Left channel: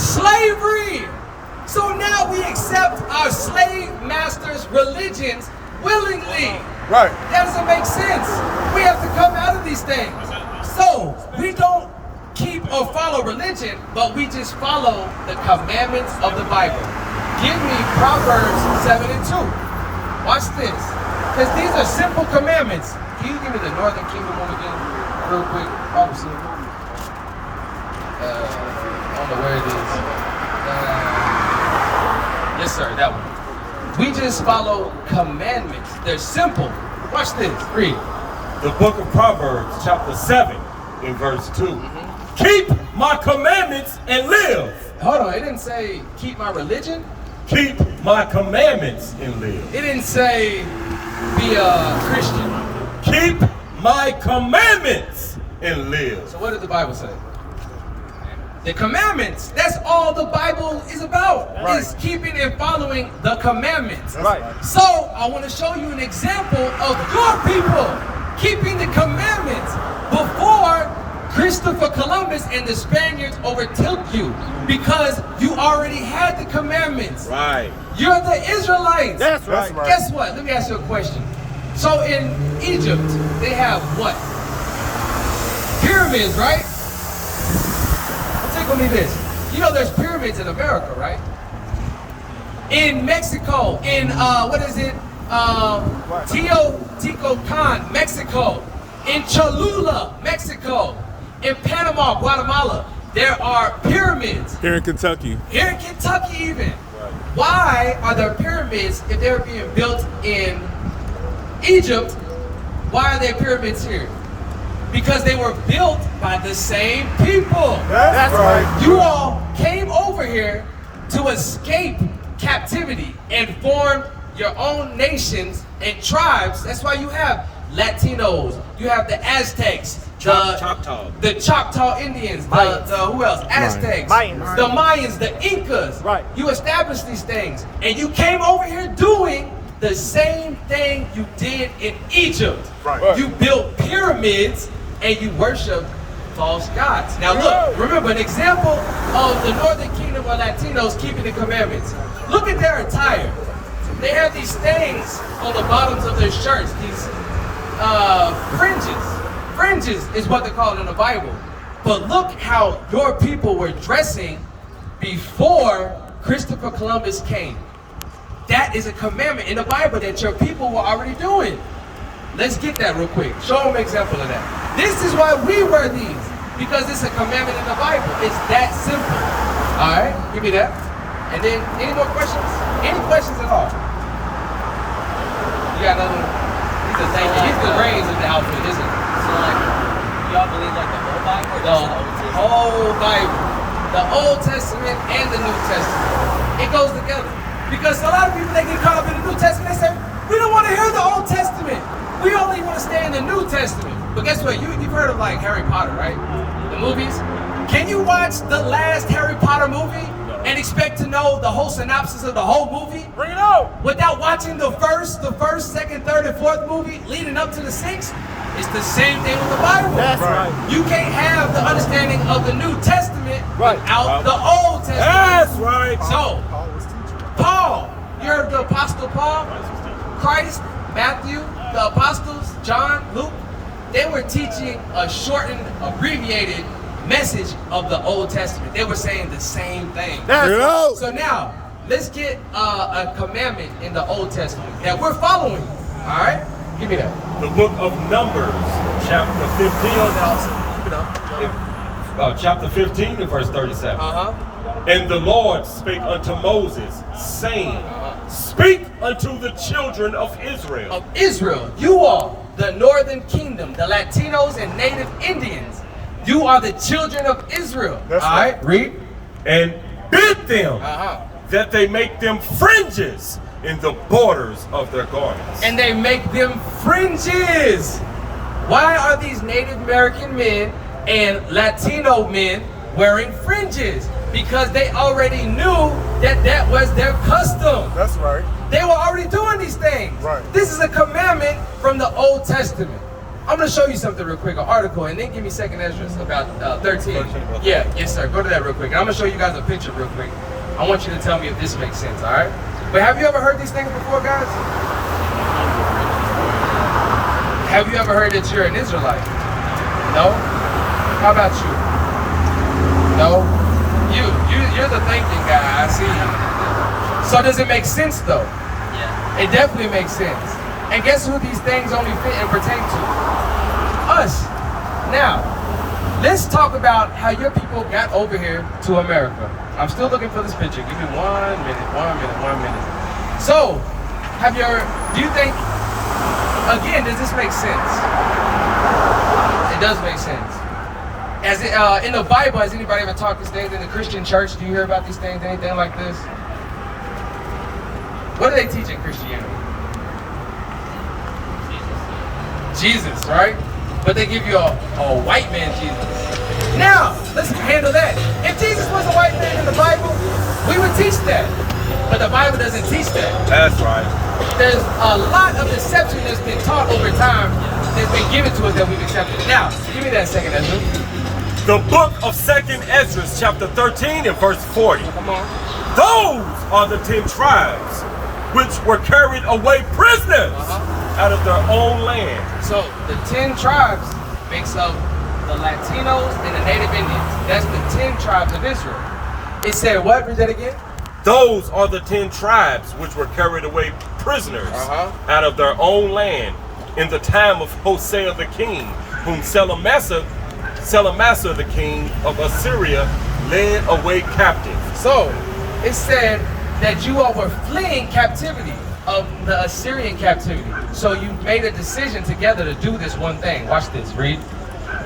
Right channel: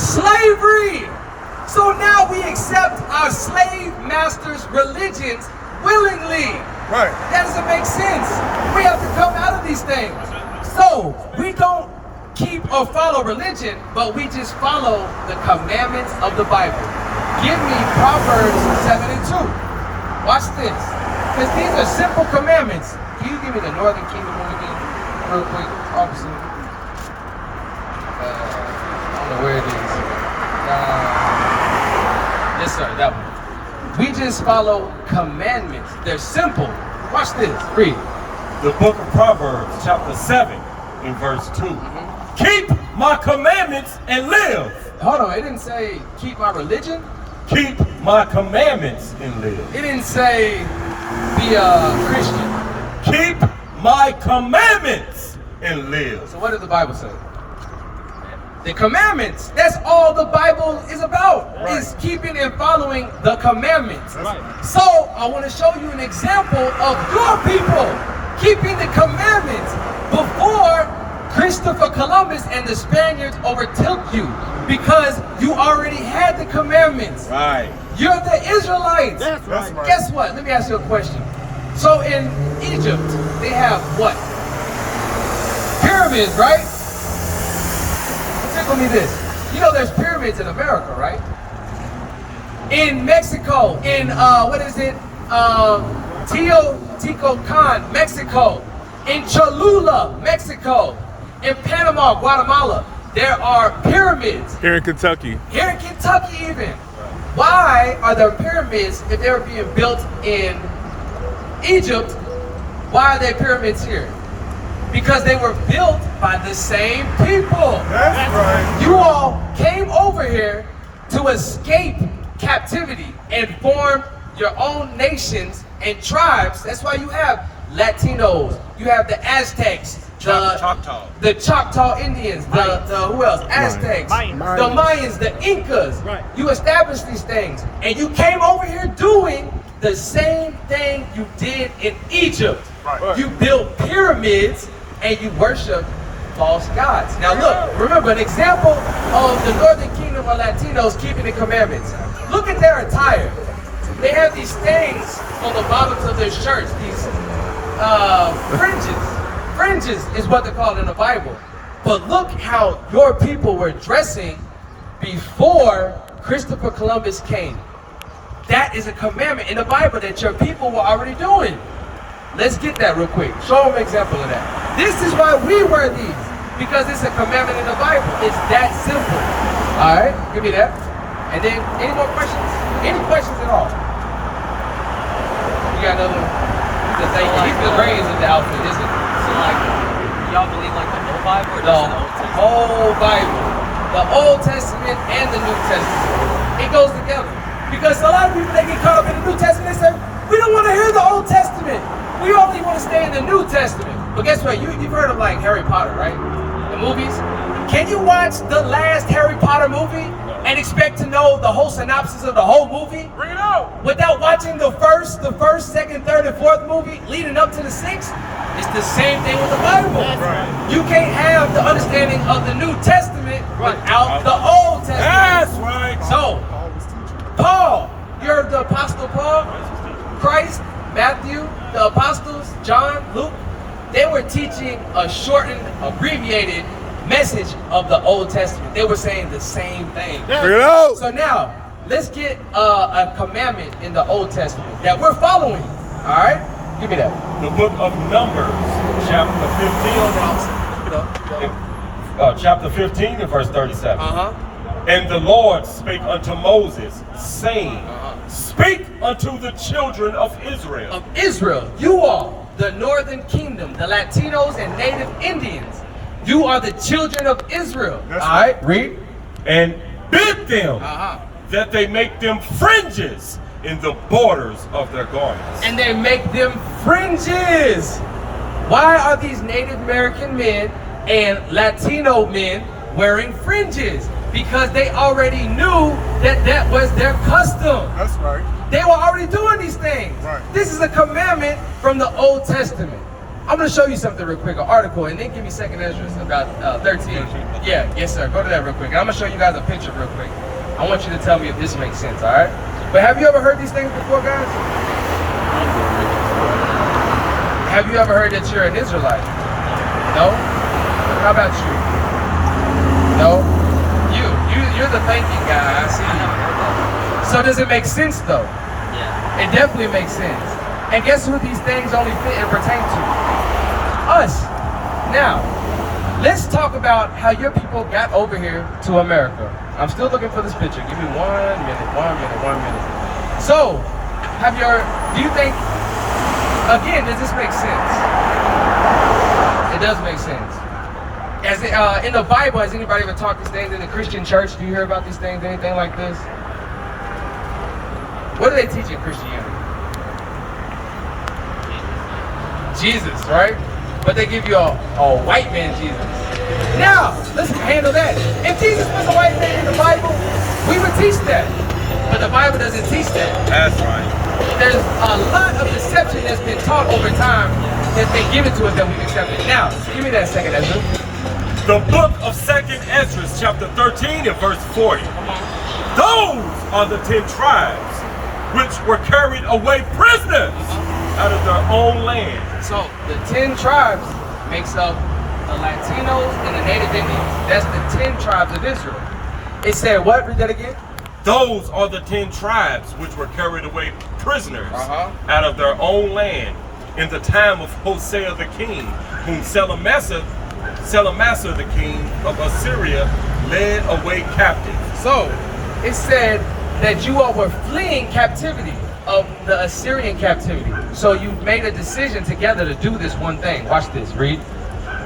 Slavery. So now we accept our slave masters' religions willingly. Right. That doesn't make sense. We have to come out of these things. So we don't keep or follow religion, but we just follow the commandments of the Bible. Give me Proverbs 7:2. Watch this. Because these are simple commandments. Can you give me the Northern Kingdom one again? Real quick, Robertson. I don't know where it is. Yes, sir, that one. We just follow commandments. They're simple. Watch this. Read. The book of Proverbs, chapter 7, in verse 2. Keep my commandments and live. Hold on, it didn't say keep my religion. Keep my commandments and live. It didn't say be a Christian. Keep my commandments and live. So what did the Bible say? The commandments. That's all the Bible is about. Right. Is keeping and following the commandments. Right. So I want to show you an example of your people keeping the commandments before Christopher Columbus and the Spaniards overtook you, because you already had the commandments. Right. You're the Israelites. That's right. Guess what? Let me ask you a question. So in Egypt, they have what? Pyramids, right? Tickle me this. You know there's pyramids in America, right? In Mexico, in what is it? Teotihuacan, Mexico. In Cholula, Mexico. In Panama, Guatemala, there are pyramids. Here in Kentucky. Here in Kentucky even. Why are there pyramids if they were being built in Egypt? Why are there pyramids here? Because they were built by the same people. That's right. You all came over here to escape captivity and formed your own nations and tribes. That's why you have Latinos, you have the Aztecs, the Choctaw Indians, the who else? Aztecs, Mayans. the Mayans, the Incas. Right. You established these things, and you came over here doing the same thing you did in Egypt. Right. You built pyramids and you worship false gods. Now look, remember an example of the Northern Kingdom of Latinos keeping the commandments. Look at their attire. They have these things on the bottoms of their shirts, these fringes. Fringes is what they're called in the Bible. But look how your people were dressing before Christopher Columbus came. That is a commandment in the Bible that your people were already doing. Let's get that real quick. Show them an example of that. This is why we wear these, because it's a commandment in the Bible. It's that simple. All right, give me that. And then, any more questions? Any questions at all? You got another one? He's the brains of the outfit, isn't it? So like, y'all believe like the whole Bible or The just the Old Testament? whole Bible. The Old Testament and the New Testament. It goes together. Because a lot of people, they get caught up in the New Testament and say, we don't want to hear the Old Testament. We only want to stay in the New Testament. But guess what? You've heard of like Harry Potter, right? The movies. Can you watch the last Harry Potter movie and expect to know the whole synopsis of the whole movie? Bring it out. Without watching the first, second, third, and fourth movie leading up to the sixth? It's the same thing with the Bible. That's right. You can't have the understanding of the New Testament without the Old Testament. That's right. So, Paul, you heard the Apostle Paul? Christ, Matthew, the Apostles, John, Luke, they were teaching a shortened, abbreviated message of the Old Testament. They were saying the same thing. Bring it out. So now, let's get a commandment in the Old Testament that we're following. All right? Give me that. The book of Numbers, chapter 15. Chapter 15 and verse 37. Uh-huh. And the Lord spake unto Moses, saying, Speak unto the children of Israel. Of Israel, you are the Northern Kingdom, the Latinos and Native Indians. You are the children of Israel. That's All right, read. And bid them Uh-huh. that they make them fringes in the borders of their garments. And they make them fringes. Why are these Native American men and Latino men wearing fringes? Because they already knew that that was their custom. That's right. They were already doing these things. Right. This is a commandment from the Old Testament. I'm going to show you something real quick, an article, and then give me 2nd Esdras about 13. Yeah, yes, sir. Go to that real quick. And I'm going to show you guys a picture real quick. I want you to tell me if this makes sense, all right? But have you ever heard these things before, guys? Have you ever heard that you're an Israelite? No? How about you? No? You're the thinking guy, I see. I never heard that. So does it make sense, though? Yeah. It definitely makes sense. And guess who these things only fit and pertain to? Us. Now, let's talk about how your people got over here to America. I'm still looking for this picture. Give me 1 minute. So, do you think, again, does this make sense? It does make sense. As in the Bible, has anybody ever taught these things in the Christian church? Do you hear about these things, anything like this? What do they teach in Christianity? Jesus, right? But they give you a white man Jesus. Now, let's handle that. If Jesus was a white man in the Bible, we would teach that. But the Bible doesn't teach that. That's right. There's a lot of deception that's been taught over time that's been given to us that we've accepted. Now, give me that 2nd Ezra. The book of 2nd Esdras, chapter 13 and verse 40. Come on. Those are the 10 tribes which were carried away prisoners out of their own land. So, the 10 tribes makes up the Latinos and the Native Indians. That's the 10 tribes of Israel. It said what? Read that again. Those are the 10 tribes which were carried away prisoners out of their own land in the time of Hosea the king, whom Salamasa the king of Assyria led away captive. So, it said that you all were fleeing captivity of the Assyrian captivity. So you made a decision together to do this one thing. Watch this, read.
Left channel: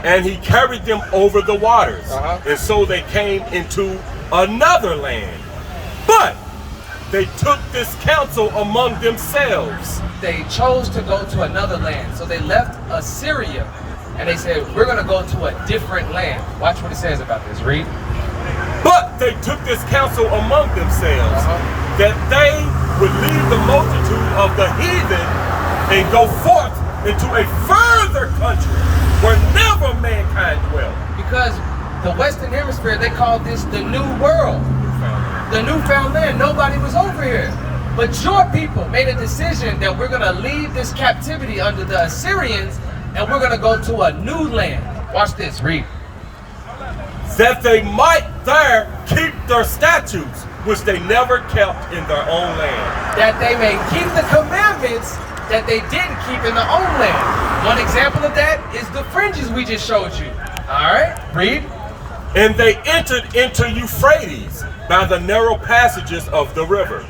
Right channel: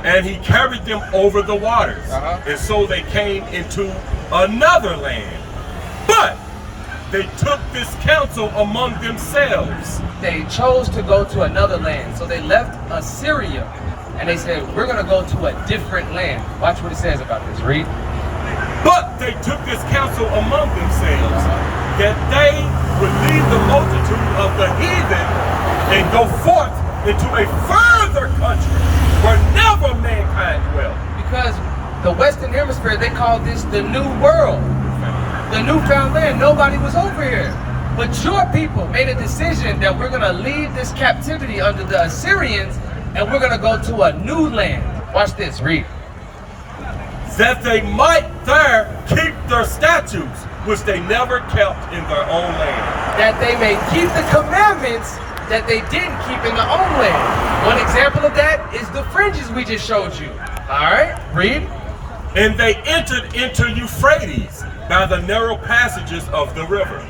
And he carried them over the waters. And so they came into another land. But they took this counsel among themselves. They chose to go to another land. So they left Assyria and they said, we're going to go to a different land. Watch what it says about this. Read. But they took this counsel among themselves that they would leave the multitude of the heathen and go forth into a further country where never mankind dwelt. Because the Western Hemisphere, they call this the New World. The newfound land. Nobody was over here. But your people made a decision that we're going to leave this captivity under the Assyrians and we're going to go to a new land. Watch this. Read. That they might there keep their statutes, which they never kept in their own land. That they may keep the commandments that they didn't keep in their own land. One example of that is the fringes we just showed you. All right, read. And they entered into Euphrates by the narrow passages of the river.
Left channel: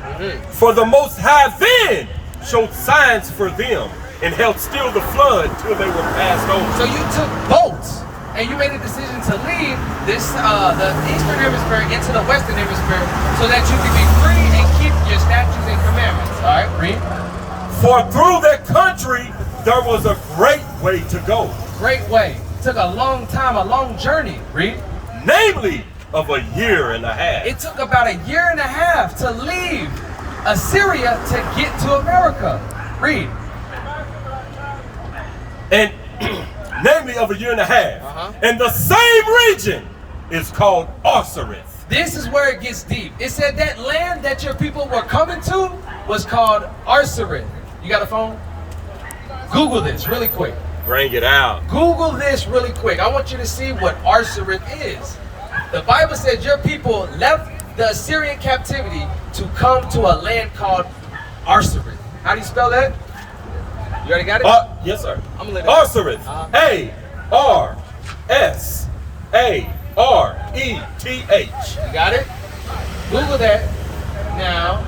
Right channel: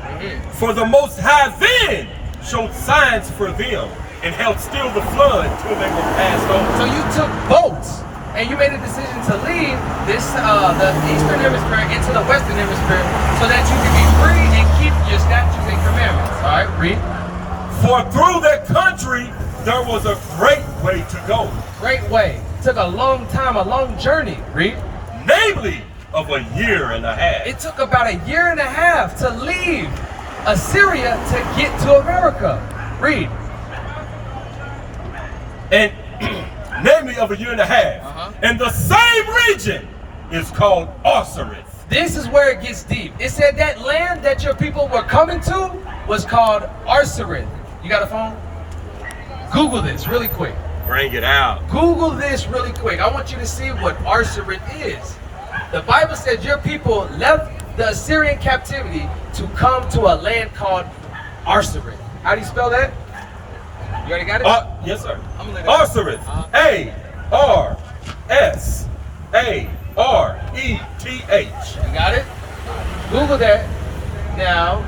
For the Most High then showed signs for them and held still the flood till they were passed over. So you took boats and you made a decision to leave this the Eastern Hemisphere into the Western Hemisphere so that you could be free and keep your statutes and commandments. All right, read. For through that country there was a great way to go. Great way. Took a long time, a long journey. Read. Namely, of a year and a half. It took about a year and a half to leave Assyria to get to America. Read. And namely of a year and a half. And the same region is called Osiris. This is where it gets deep. It said that land that your people were coming to was called Osiris. You got a phone? Google this really quick. Bring it out. Google this really quick. I want you to see what Osiris is. The Bible said your people left the Assyrian captivity to come to a land called Osiris. How do you spell that? You already got it? Yes, sir. I'm gonna Osiris. A-R-S-A-R-E-T-H. You got it? Google that. Now,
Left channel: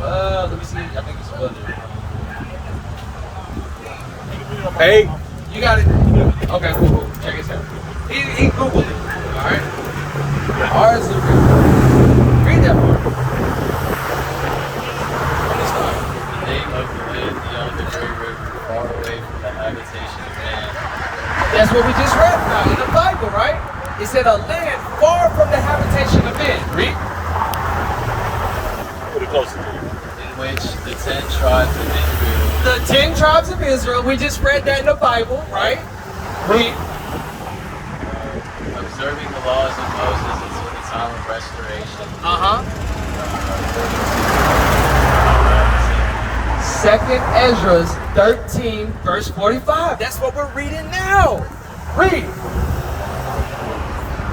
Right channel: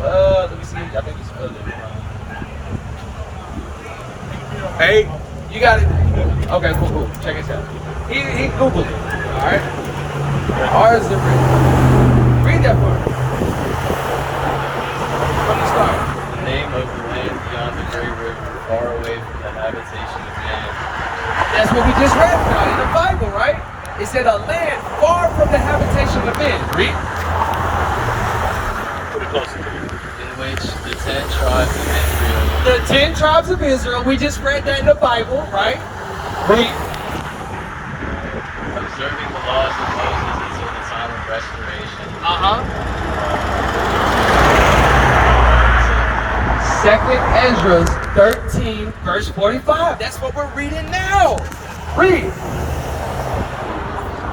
let me see. I think you spelled it wrong. A. You got it? Okay, cool. Check this out. He Googled it. All right? Osiris. Read that part. From the start. The name of the land beyond the great river, far away from the habitation of man. That's what we just read about in the Bible, right? It said a land far from the habitation of men. Read. Put it closer to you. In which the 10 tribes of Israel, The 10 tribes of Israel, we just read that in the Bible, right? Read. observing the laws of Moses until the time of restoration. Uh-huh. Second Ezra 13, verse 45. That's what we're reading now. Read.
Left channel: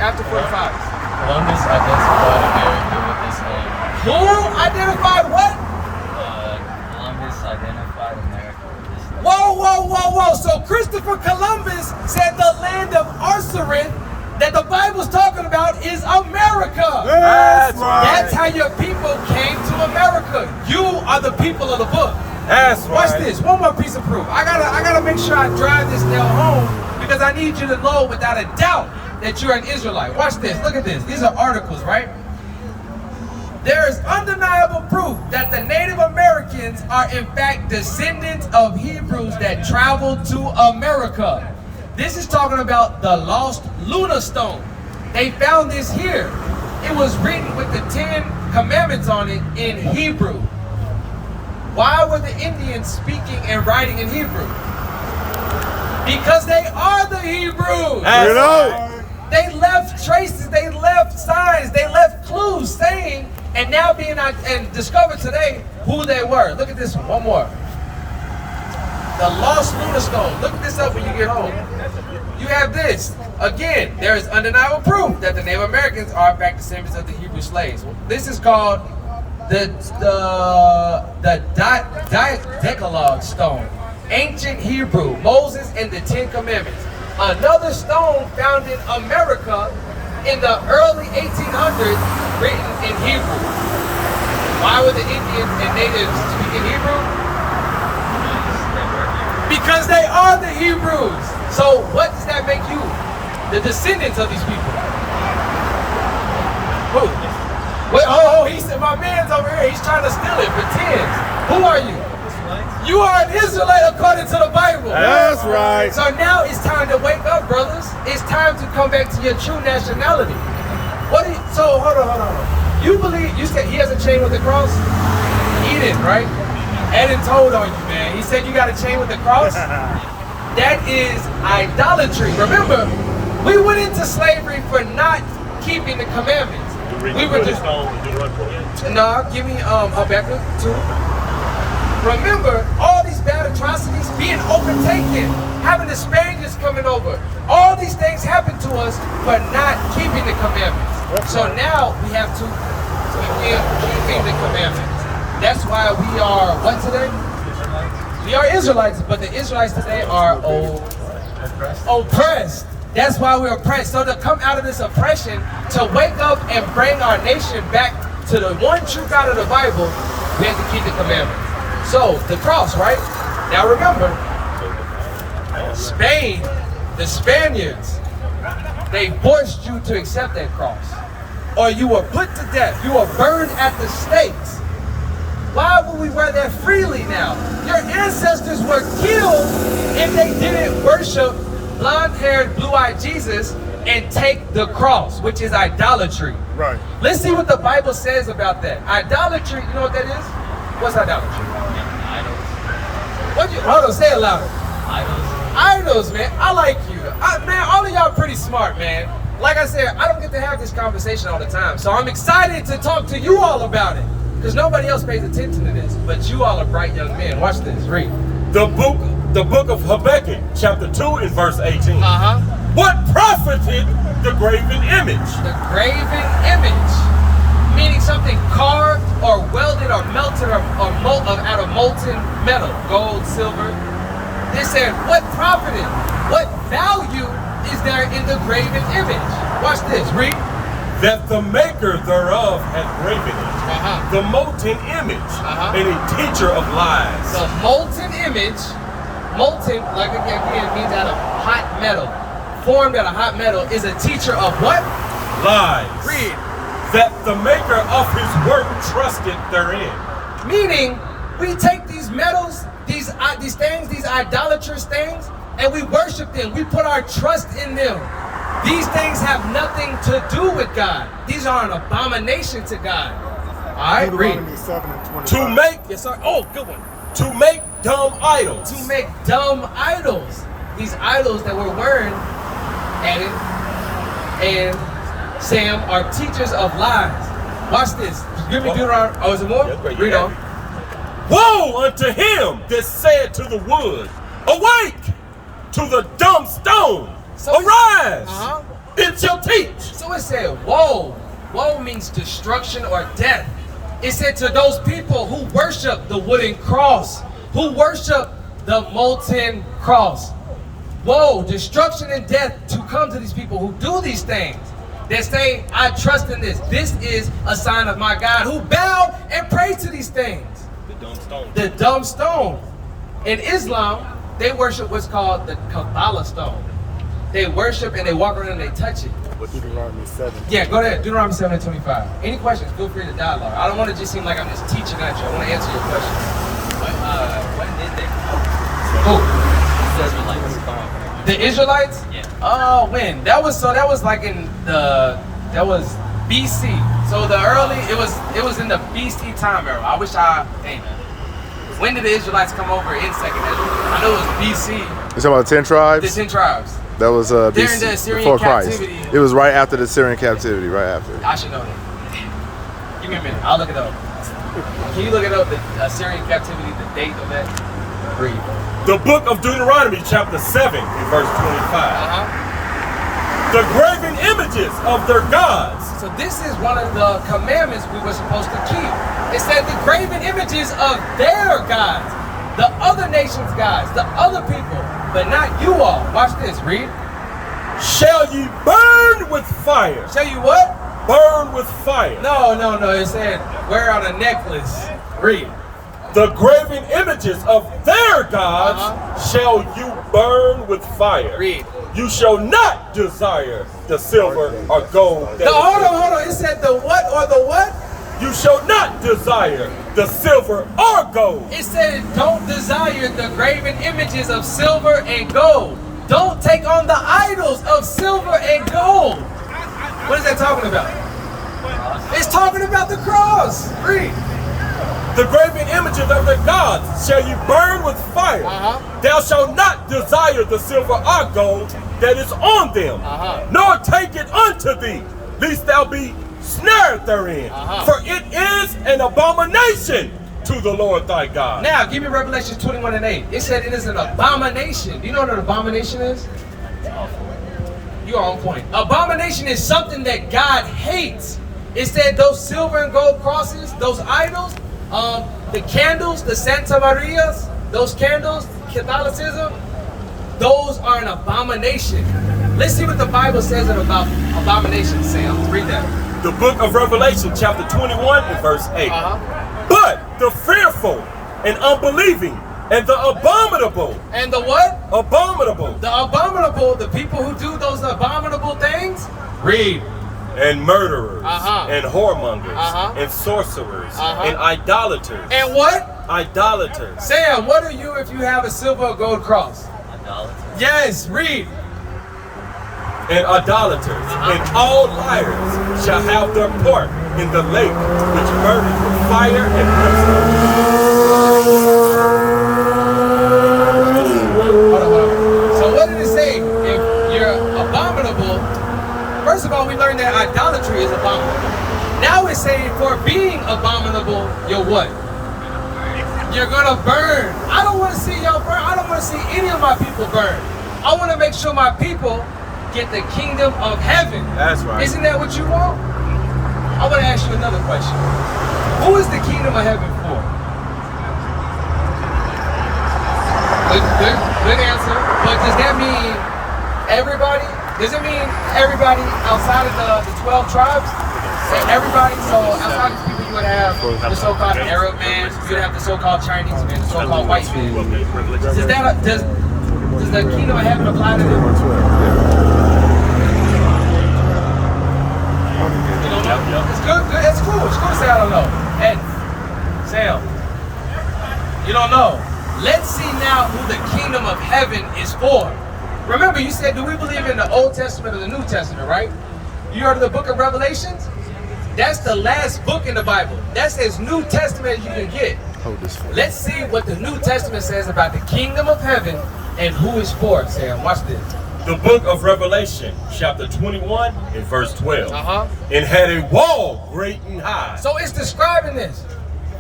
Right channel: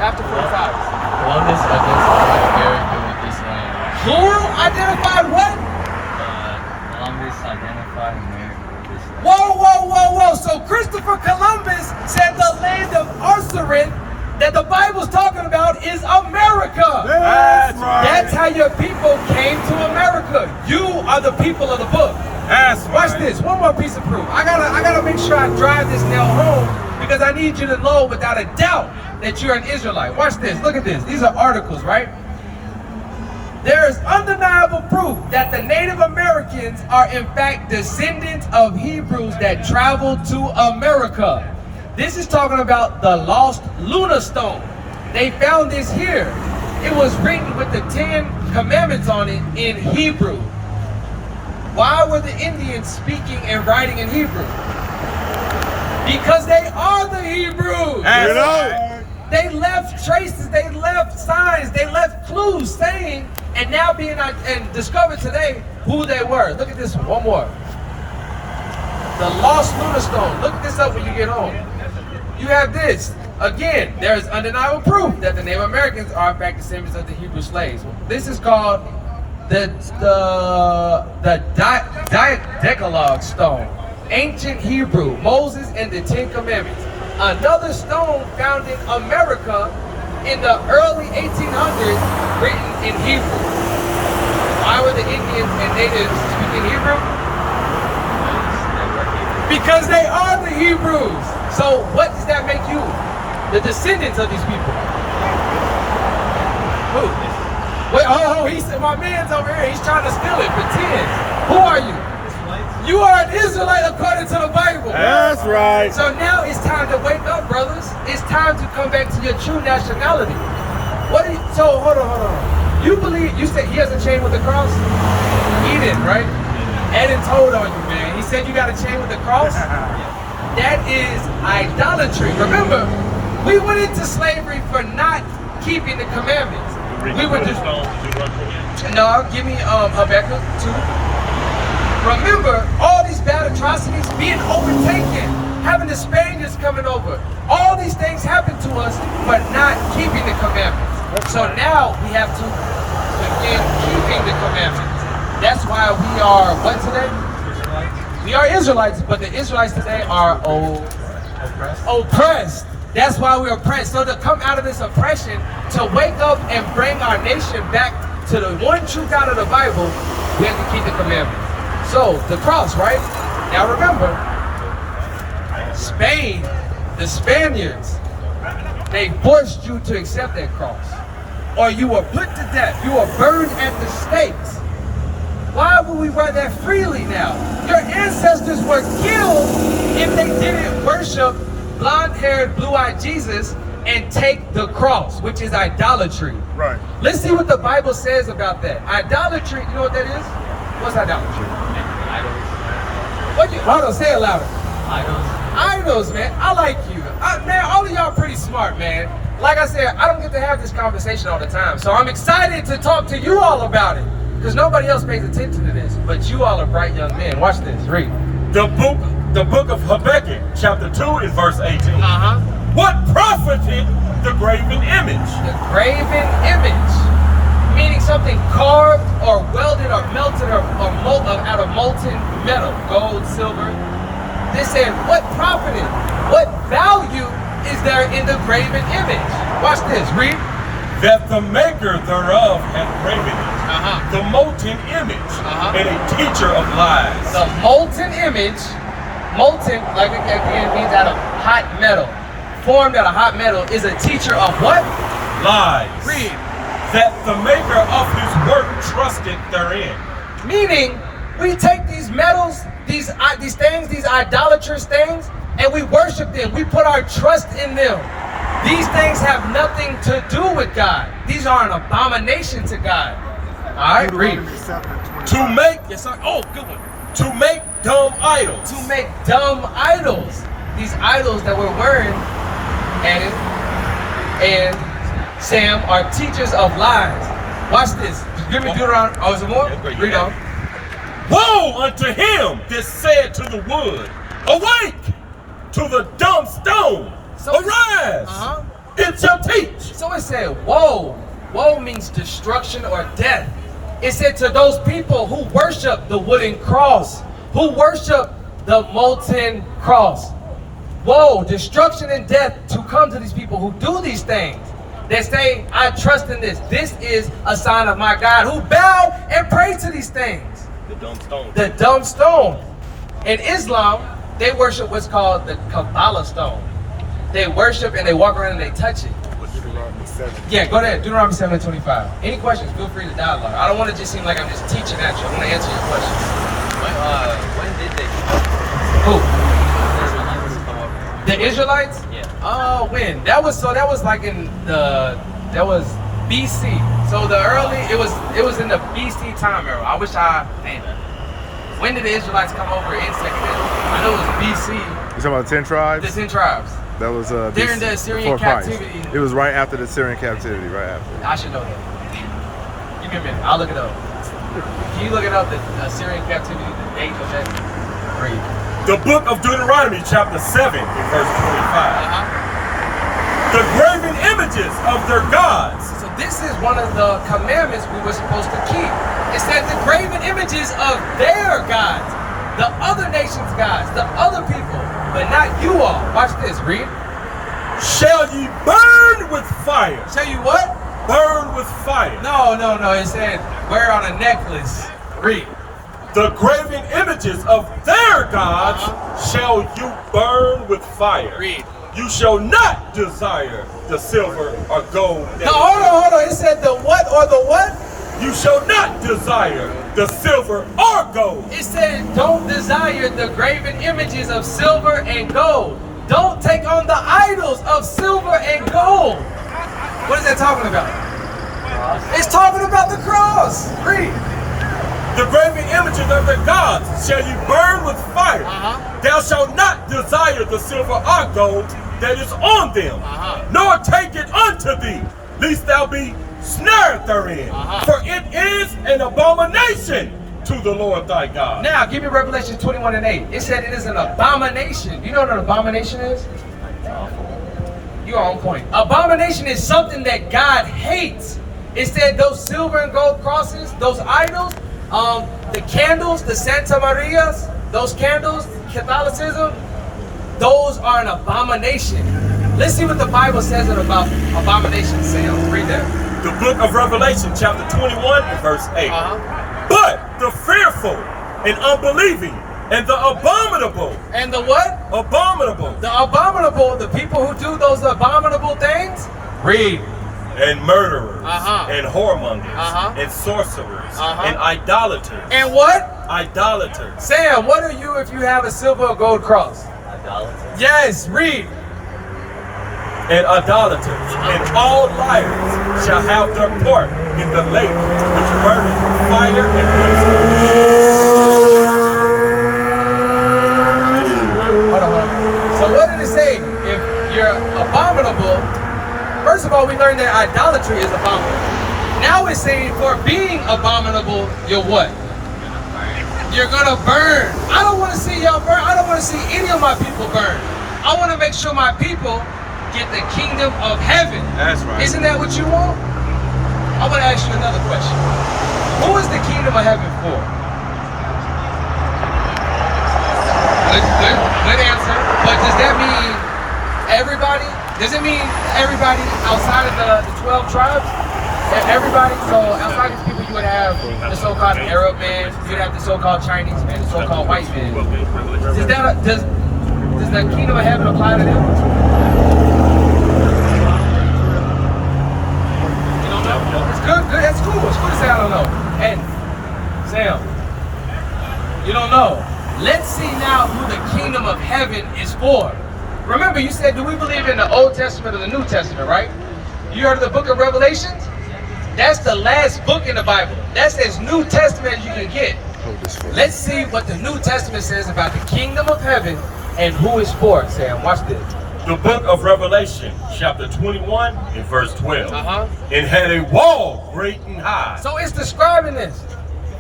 After 45. Columbus identified America with this name. Who identified what? Columbus identified America with this name. Whoa, whoa, whoa, whoa. So Christopher Columbus said the land of Arsareth that the Bible's talking about is America. That's right. That's how your people came to America. You are the people of the book. That's Watch right. this. One more piece of proof. I gotta make sure I drive this nail home because I need you to know without a doubt that you're an Israelite. Watch this. Look at this. These are articles, right? There is undeniable proof that the Native Americans are in fact descendants of Hebrews that traveled to America. This is talking about the lost Luna stone. They found this here. It was written with the 10 commandments on it in Hebrew. Why were the Indians speaking and writing in Hebrew? Because they are the Hebrews. That's right. They left traces, they left signs, they left clues saying, and now being and discovered today who they were. Look at this one more. The lost Luna stone. Look this up when you get home. You have this. Again, there is undeniable proof that the Native Americans are in fact descendants of the Hebrew slaves. This is called the Decalogue stone. Ancient Hebrew, Moses and the 10 Commandments. Another stone found in America in the early 1800s, written in Hebrew. Why were the Indians and natives speaking Hebrew? Because they are the Hebrews. So what does that make you? The descendants of these people. Who? Wait, oh, he said my man's over here. He's trying to steal it. Pretend. Who are you? You are an Israelite according to the Bible. That's right. So now it's time to wake up, brothers. It's time to come back to your true nationality. What? So hold on. You believe? You said he has a chain with the cross? Eden, right? Eden told on you, man. He said you got a chain with the cross. That is idolatry. Remember, we went into slavery for not keeping the commandments. We were just no. Give me Habakkuk 2. Remember, all these bad atrocities, being overtaken, having the Spaniards coming over, all these things happened to us for not keeping the commandments. So now we have to begin keeping the commandments. That's why we are what today? Israelites. We are Israelites, but the Israelites today are oppressed. That's why we're oppressed. So to come out of this oppression, to wake up and bring our nation back to the one true God of the Bible, we have to keep the commandments. So, the cross, right? Now remember, Spain, the Spaniards, they forced you to accept that cross. Or you were put to death. You were burned at the stakes. Why would we wear that freely now? Your ancestors were killed if they didn't worship blonde-haired, blue-eyed Jesus and take the cross, which is idolatry. Right. Let's see what the Bible says about that. Idolatry, you know what that is? What's idolatry? Hold on, say it louder. Idols, man. I like you. Man, all of y'all pretty smart, man. Like I said, I don't get to have this conversation all the time. So I'm excited to talk to you all about it. Because nobody else pays attention to this. But you all are bright young men. Watch this. Read. The book of Habakkuk, chapter 2 and verse 18. Uh-huh. What profited the graven image? The graven image. Meaning something carved or welded or melted or out of molten metal, gold, silver. They said, what profited? What value is there in the graven image? Watch this, read. That the maker thereof hath graven it. Uh-huh. The molten image, and a teacher of lies. The molten image, molten, like again, means out of hot metal. Formed out of hot metal is a teacher of what? Lies. Read. That the maker of his work trusted therein. Meaning, we take these metals, these things, these idolatrous things, and we worship them. We put our trust in them. These things have nothing to do with God. These are an abomination to God. All right, read. 7:20. To make, Yes, sir. Oh, good one. to make dumb idols. To make dumb idols. These idols that we're wearing, Adam and Sam, are teachers of lies. Watch this. Give me Deuteronomy. Oh, is it more? Yes, but Read yeah. on. Woe unto him that said to the wood, awake! To the dumb stone, So- arise! Uh-huh. It shall teach. So it said, woe. Woe means destruction or death. It said to those people who worship the wooden cross, who worship the molten cross. Woe, destruction and death to come to these people who do these things. That say, I trust in this. This is a sign of my God, who bow and pray to these things. The dumb stone. The dumb stone. In Islam, they worship what's called the Kabbalah stone. They worship and they walk around and they touch it. Deuteronomy 7. Yeah, go ahead. Deuteronomy 7:25. Any questions? Feel free to dialogue. I don't want to just seem like I'm just teaching at you. I want to answer your questions. When did the Who? Israelites come over? The Israelites? Yeah. When? That was like in that was BC. So the early, it was in the BC time era. I wish when did the Israelites come over in Second Ezra? I know it was BC. You talking about the 10 tribes? The 10 tribes. That was During BC, the Assyrian before Christ. captivity. It was right after the Assyrian captivity, right after. I should know that. Give me a minute. I'll look it up. Can you look it up? The Assyrian captivity, the date of that? Read. The book of Deuteronomy, chapter 7, in verse 25. The graven images of their gods. So this is one of the commandments we were supposed to keep. It said the graven images of their gods, the other nations' gods, the other people, but not you all. Watch this, read. Shall ye burn with fire? Tell you what? Burn with fire. No. It said wear on a necklace. Read. The graven images of their gods shall you burn with fire. Read. You shall not desire the silver or gold. that Hold on. It said the what or the what? You shall not desire the silver or gold. It said don't desire the graven images of silver and gold. Don't take on the idols of silver and gold. What is that talking about? It's talking about the cross. Read. The graven images of their gods shall you burn with fire. Thou shalt not desire the silver or gold that is on them, nor take it unto thee, lest thou be snared therein. For it is an abomination to the Lord thy God. Now, give me Revelation 21:8. It said it is an abomination. You know what an abomination is? You are on point. Abomination is something that God hates. It said those silver and gold crosses, those idols, the candles, the Santa Marias, those candles, Catholicism, those are an abomination. Let's see what the Bible says about abominations, Sam. Read that. The book of Revelation, chapter 21, and verse 8. But the fearful and unbelieving and the abominable. And the what? Abominable. The abominable, the people who do those abominable things. Read. And murderers, and whoremongers, and sorcerers, and idolaters. And what? Idolaters. Sam, what are you if you have a silver or gold cross? Idolaters. Yes, read. And idolaters, and all liars shall have their part in the lake which burneth with fire and brimstone. Hold on. So what did it say? If you're abominable, first of all, we learned that idolatry is abominable. Now it's saying for being abominable, you're what? You're gonna burn. I don't want to see y'all burn. I don't want to see any of my people burn. I want to make sure my people get the kingdom of heaven. That's right. Isn't that what you want? I want to ask you another question. Who is the kingdom of heaven for? Good answer. But does that mean everybody? Does it mean everybody outside of the 12 tribes? Everybody? So outside of these people, you would have the so-called Arab man, you'd have the so-called Chinese man, the so-called white man. Does the kingdom of heaven apply to them? You don't know? It's good. It's cool. It's cool to say I don't know. And Sam, you don't know. Let's see now who the kingdom of heaven is for. Remember, you said, do we believe in the Old Testament or the New Testament, right? You heard of the book of Revelations? That's the last book in the Bible. That's as New Testament as you can get. Hold this for Let's see what the New Testament says about the kingdom of heaven and who it's for. Sam, watch this. The book of Revelation, chapter 21 and verse 12. Uh-huh. And had a wall great and high. So it's describing this.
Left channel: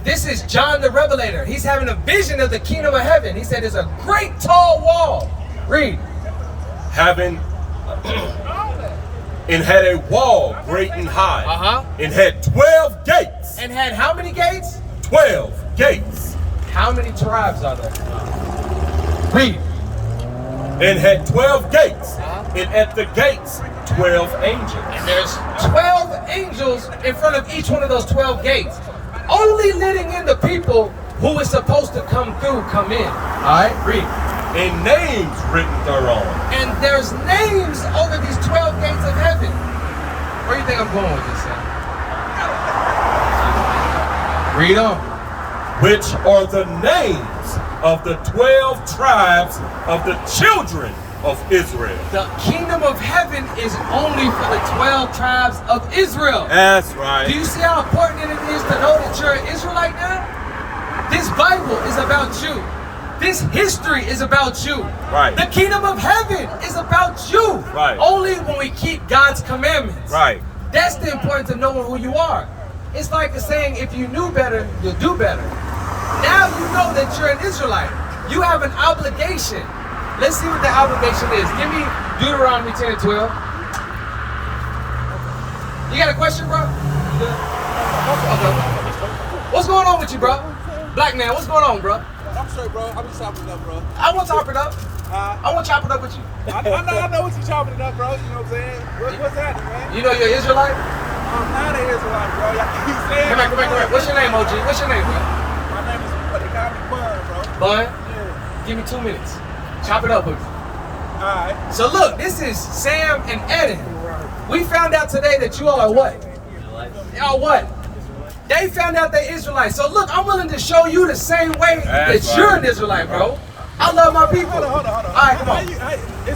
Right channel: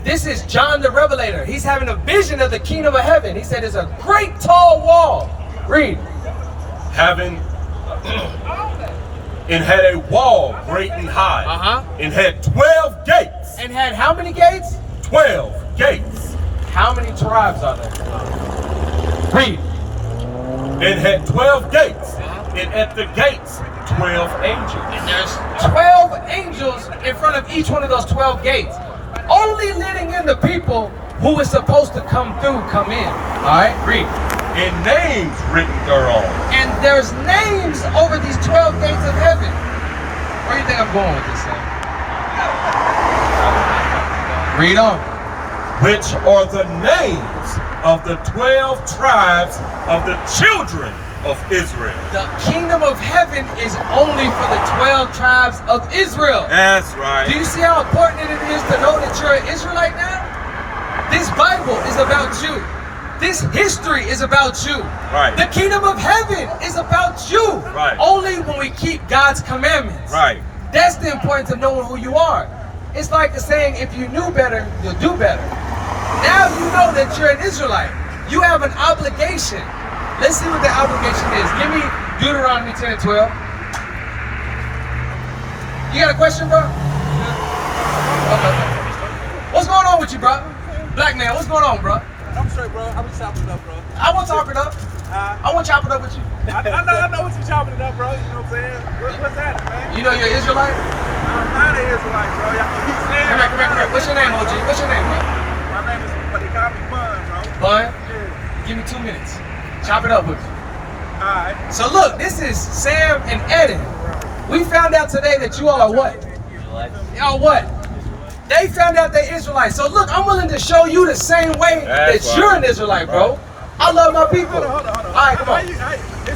This is John the Revelator. He's having a vision of the kingdom of heaven. He said there's a great tall wall. Read. Having and had a wall great and high. Uh-huh. And had 12 gates. And had how many gates? 12 gates. How many tribes are there? Read. And had 12 gates. Uh-huh. And at the gates 12 angels. And there's 12 angels in front of each one of those 12 gates. Only letting in the people who is supposed to come through, come in. All right, read. And names written thereon. And there's names over these 12 gates of heaven. Where do you think I'm going with this, Sam? Read on. Which are the names of the 12 tribes of the children of Israel. The kingdom of heaven is only for the 12 tribes of Israel. That's right. Do you see how important it is to know that you're an Israelite now? This Bible is about you. This history is about you. Right. The kingdom of heaven is about you. Right. Only when we keep God's commandments. Right. That's the importance of knowing who you are. It's like the saying, if you knew better, you'll do better. Now you know that you're an Israelite. You have an obligation. Let's see what the obligation is. Give me Deuteronomy 10 and 12. You got a question, bro? Okay. What's going on with you, bro? Black man, what's going on, bro? I'm straight, bro. I'm just chopping it up, bro. I want to chop it up. I want to chop it up with you. I know what you chopping it up, bro. You know what I'm saying? What's happening, man? You know you're Israelite? I'm not an Israelite, bro. Y'all keep saying Come here. What's your name, OG? What's your name, bro? My name is, but they call me Bud, bro. Bud? Yeah. Give me 2 minutes. Chop it up with you. Alright. So look, this is Sam and Eden. We found out today that you all are what? Y'all what? They found out they're Israelites. So look, I'm willing to show you the same way That's that you're right. an Israelite, bro. I love my people. Hold on. All right, come on. This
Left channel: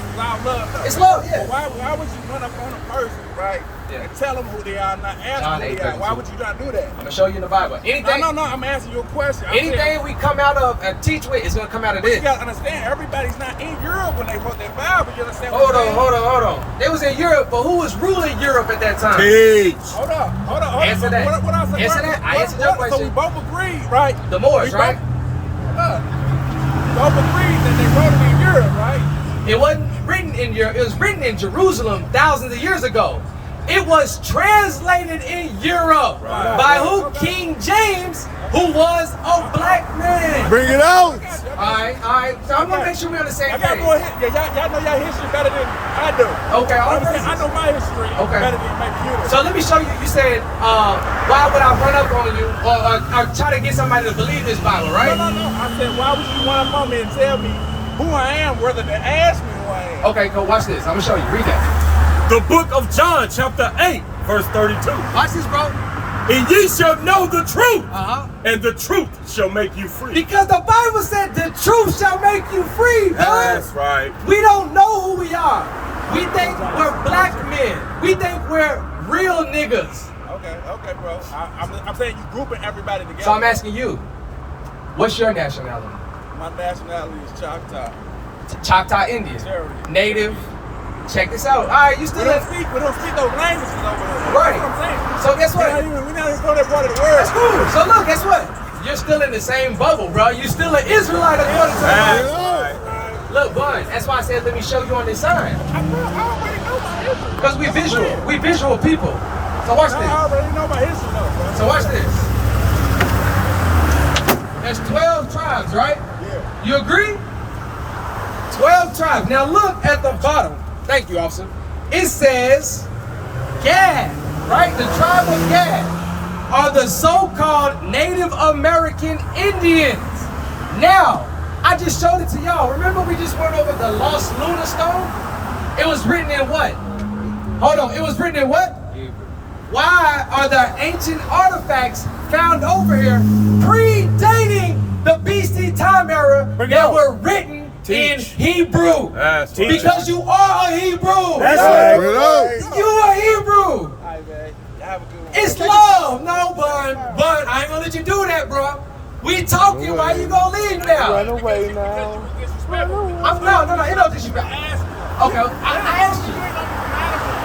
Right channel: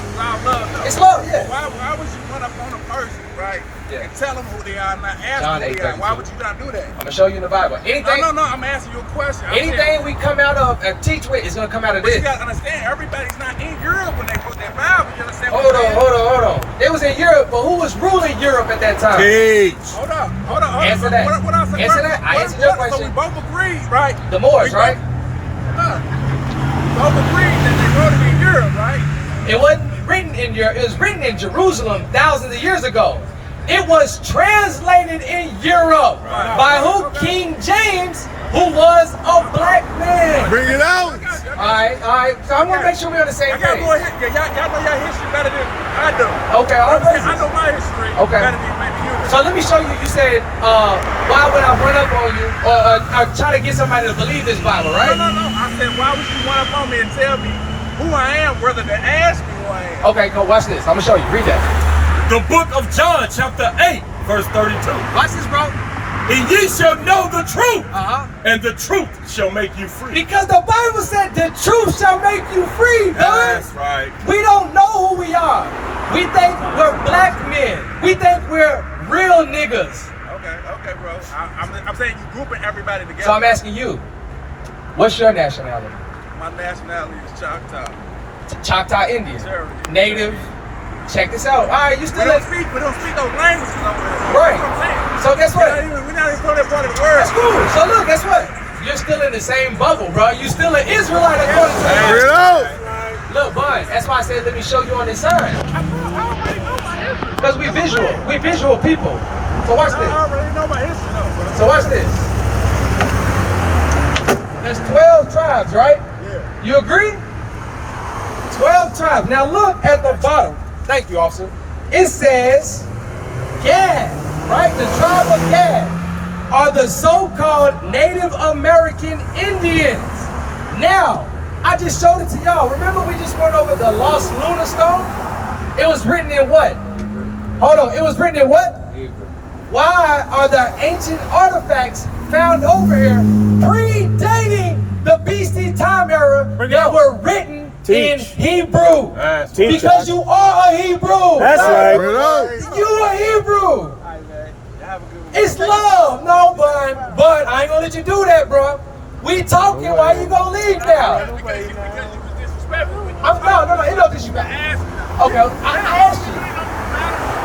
is all love, though. It's love, yeah. Why would you run up on a person, right? Yeah. And tell them who they are and not ask John them who they are? 8:32. Why would you not do that? I'm gonna show you in the Bible. Anything, No, I'm answering your question. I'm saying, anything we come out of and teach with is gonna come out of you this. gotta understand, everybody's not in Europe when they wrote their Bible. You understand? Hold what I'm saying? on. They was in Europe, but who was ruling Europe at that time? Teach. Hold on. Answer that. What I said, Answer that. I answered your So question. we both agreed, right? The Moors, We right? both agreed that they wrote it in Europe, right? It wasn't written in Europe. It was written in Jerusalem thousands of years ago. It was translated in Europe by who? King James, who was a black man. Bring it out. All right. So I'm gonna make sure we're on the same Y'all page. know your history better than I do. Okay, all I praises. know my history Okay. better than maybe you do. So let me show you. You said, why would I run up on you or try to get somebody to believe this Bible, right? No. I said, why would you run up on me and tell me who I am rather than ask me who I am? Okay, go watch this. I'm gonna show you. Read that. The book of John, chapter 8, verse 32. Watch this, bro. And ye shall know the truth, Uh-huh. and the truth shall make you free. Because the Bible said the truth shall make you free, bud. That's right. We don't know who we are. We think we're black men. We think we're real niggas. Okay, bro. I'm saying you grouping everybody together. So I'm asking you, what's your nationality? My nationality is Choctaw. Choctaw Indian. Sure. Native. Check this out. All right, you We still don't in. speak those languages over Right. here. So guess what? We're not even from that part of the world. That's cool. So look, guess what? You're still in the same bubble, bro. You still an Israelite according to the Bring it Bible. out. Look, bud, that's why I said let me show you on this sign. I already know my history. Because we visual. We visual people. So watch this. I already know my history, though, bro. So watch this. There's 12 tribes, right? Yeah. You agree? 12 tribes. Now look at the bottom. Thank you, officer. It says Gad, right? The tribe of Gad are the so-called Native American Indians. Now, I just showed it to y'all. Remember we just went over the Lost Lunar Stone? It was written in what? Hold on. It was written in what? Why are there ancient artifacts found over here predating the BC time era that were written in Hebrew? That's right. Because you are a Hebrew. Bring it out. You are Hebrew. All right, man. Have a good one. It's love. No, Bun, I ain't gonna let you do that, bro. We talking. Why you gonna leave now? Run away Because now. you was disrespectful. No, it don't disrespect. Okay, I asked you. You ain't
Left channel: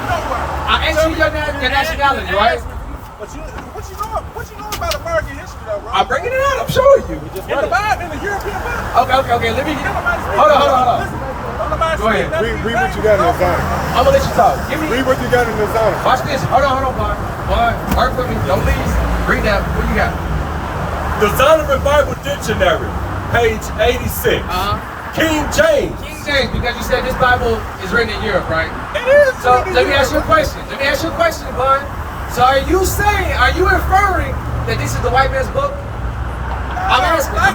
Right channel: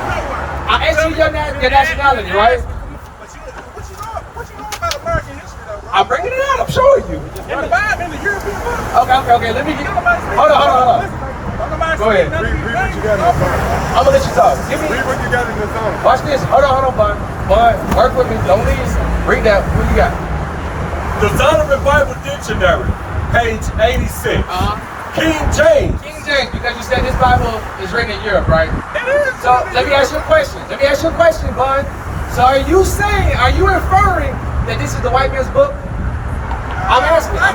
nowhere. I asked you your nationality, right? But what you know about American history, though, bro? I'm bringing it out. I'm showing you. In the Bible, in the European book. Okay. Let me. Hold on. Don't nobody Go ahead. speak nothing. Read what you got in the Bible. I'm gonna let you talk. Give me. Read what you got in the Zion. Watch this. Hold on, Bun. Bun, work with me. Don't leave. Read that. What you got? The Zondervan Bible Dictionary, page 86. King James. King James, because you said this Bible is written in Europe, right? It is. So let me ask you a question. Bun. So are you inferring that this is the white man's book? I'm asking. They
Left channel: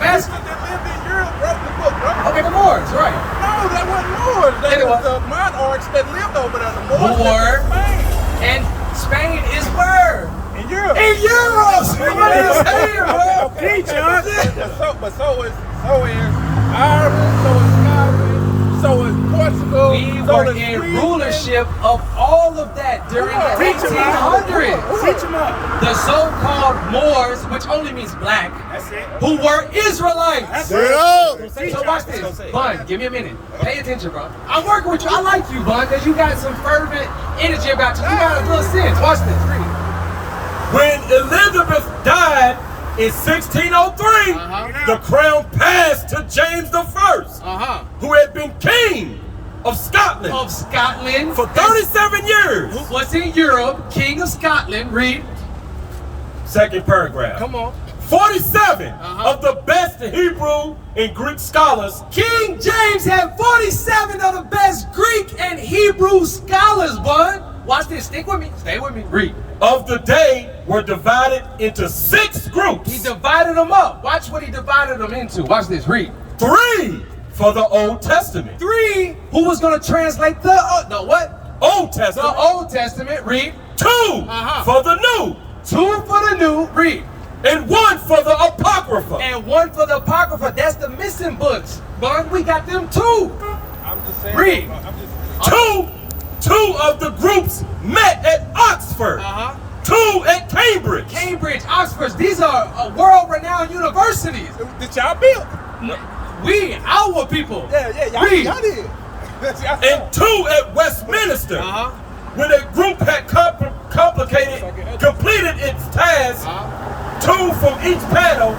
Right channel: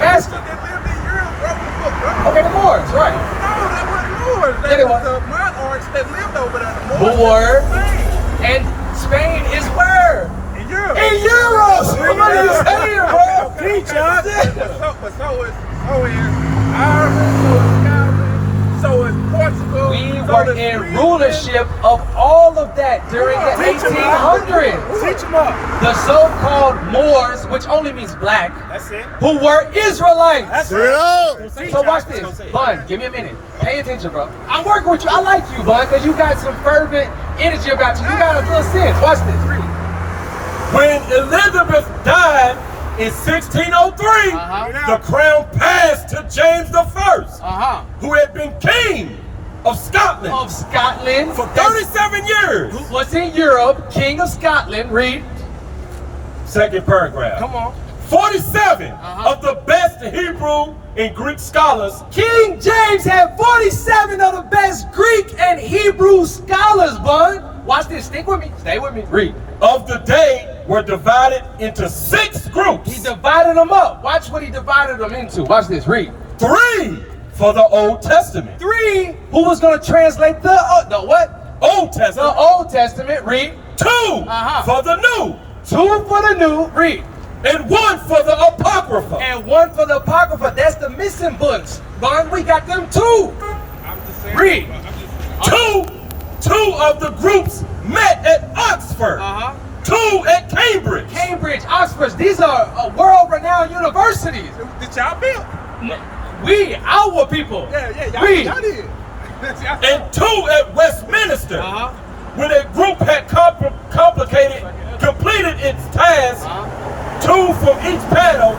lived in Europe, wrote the book, bro. Okay, the Moors, right? No, that wasn't Moors. Yeah, they was. The monarchs that lived over there. The Who Moors were? Spain. And Spain is where? In Europe. In Europe! So what are you saying, bro? But so is Ireland, so is Scotland, so is Portugal. We so were is in Sweden. rulership of all of that during the 1800s. Teach them up. The so-called Moors, which only means black, who were Israelites. Bring it up. So watch this. Bun, give me a minute. Pay attention, bro. I'm working with you. I like you, Bun, because you got some fervent energy about you. You got a little sense. Watch this. Read. When Elizabeth died in 1603, the crown passed to James I, who had been king of Scotland Of Scotland. for 37 years. Who was in Europe, king of Scotland. Read. Second paragraph. Come on. 47 of the best Hebrew and Greek scholars King James had 47 of the best Greek and Hebrew scholars, Bun. Watch this. Stick with me. Stay with me. Read. of the day were divided into 6 groups. He divided them up. Watch what he divided them into. Watch this. Read. 3 for the Old Testament. 3. Who was going to translate the what? Old The Testament. Old Testament. Read. 2 for the New. 2 for the New. Read. And 1 for the Apocrypha. And 1 for the Apocrypha. That's the missing books. Bun, we got them too. I'm just saying. Read. Two of the groups met at Oxford. 2 at Cambridge. Cambridge, Oxford. These are world-renowned universities. Did y'all build? We, our people. Yeah, We. y'all did. And 2 at Westminster. When a group had completed its task, 2 from each panel,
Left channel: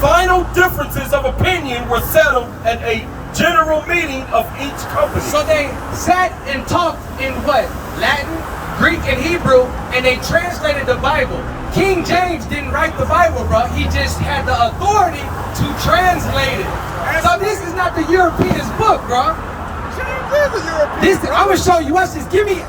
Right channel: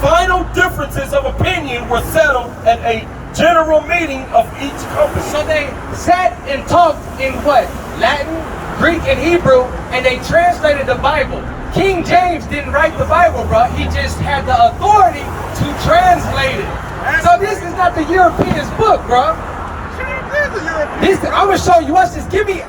final differences of opinion were settled at a general meeting of each company. So they sat and talked in what? Latin, Greek, and Hebrew, and they translated the Bible. King James didn't write the Bible, bro. He just had the authority to translate it. So this is not the Europeans' book, bro. James is a European. This, I'm gonna show you. Watch this. Give me